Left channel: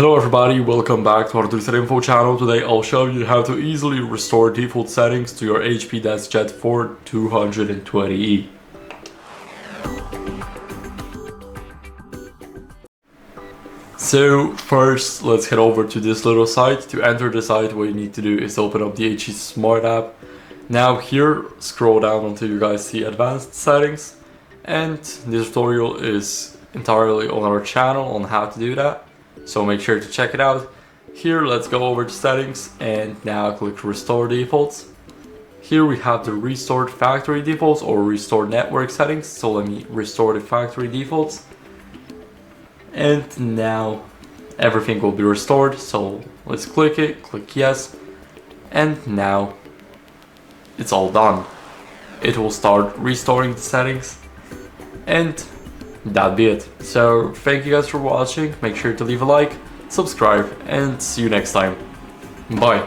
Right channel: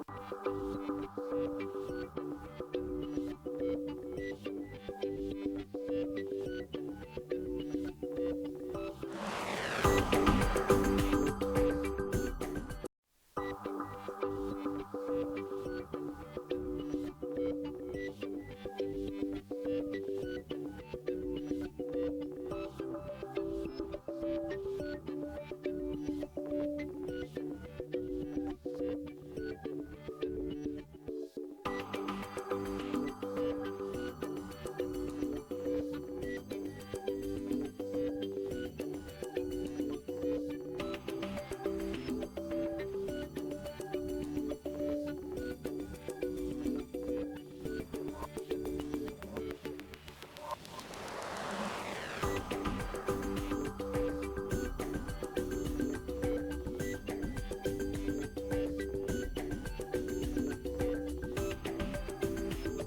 Hello everybody, welcome back to HardReset.Info channel. Today I'll show you how to easily restore default settings to your HP DeskJet 4220e. So first, let's head over to this little site. To enter the site, what you need to do is open up the HP Smart app. Now here, scroll down until you guys see advanced settings. And this tutorial is entirely on our channel on how to do that. So make sure to check it out. Here, let's go over to settings and now click restore defaults. Here we have the restored factory defaults or restore network settings. So let me restore the factory defaults. And now everything will be restored. So let's click it, click yes. And now it's all done. It will start restoring the settings. And that'd be it. So thank you guys for watching. Make sure to leave a like, subscribe, and see you next time. Bye.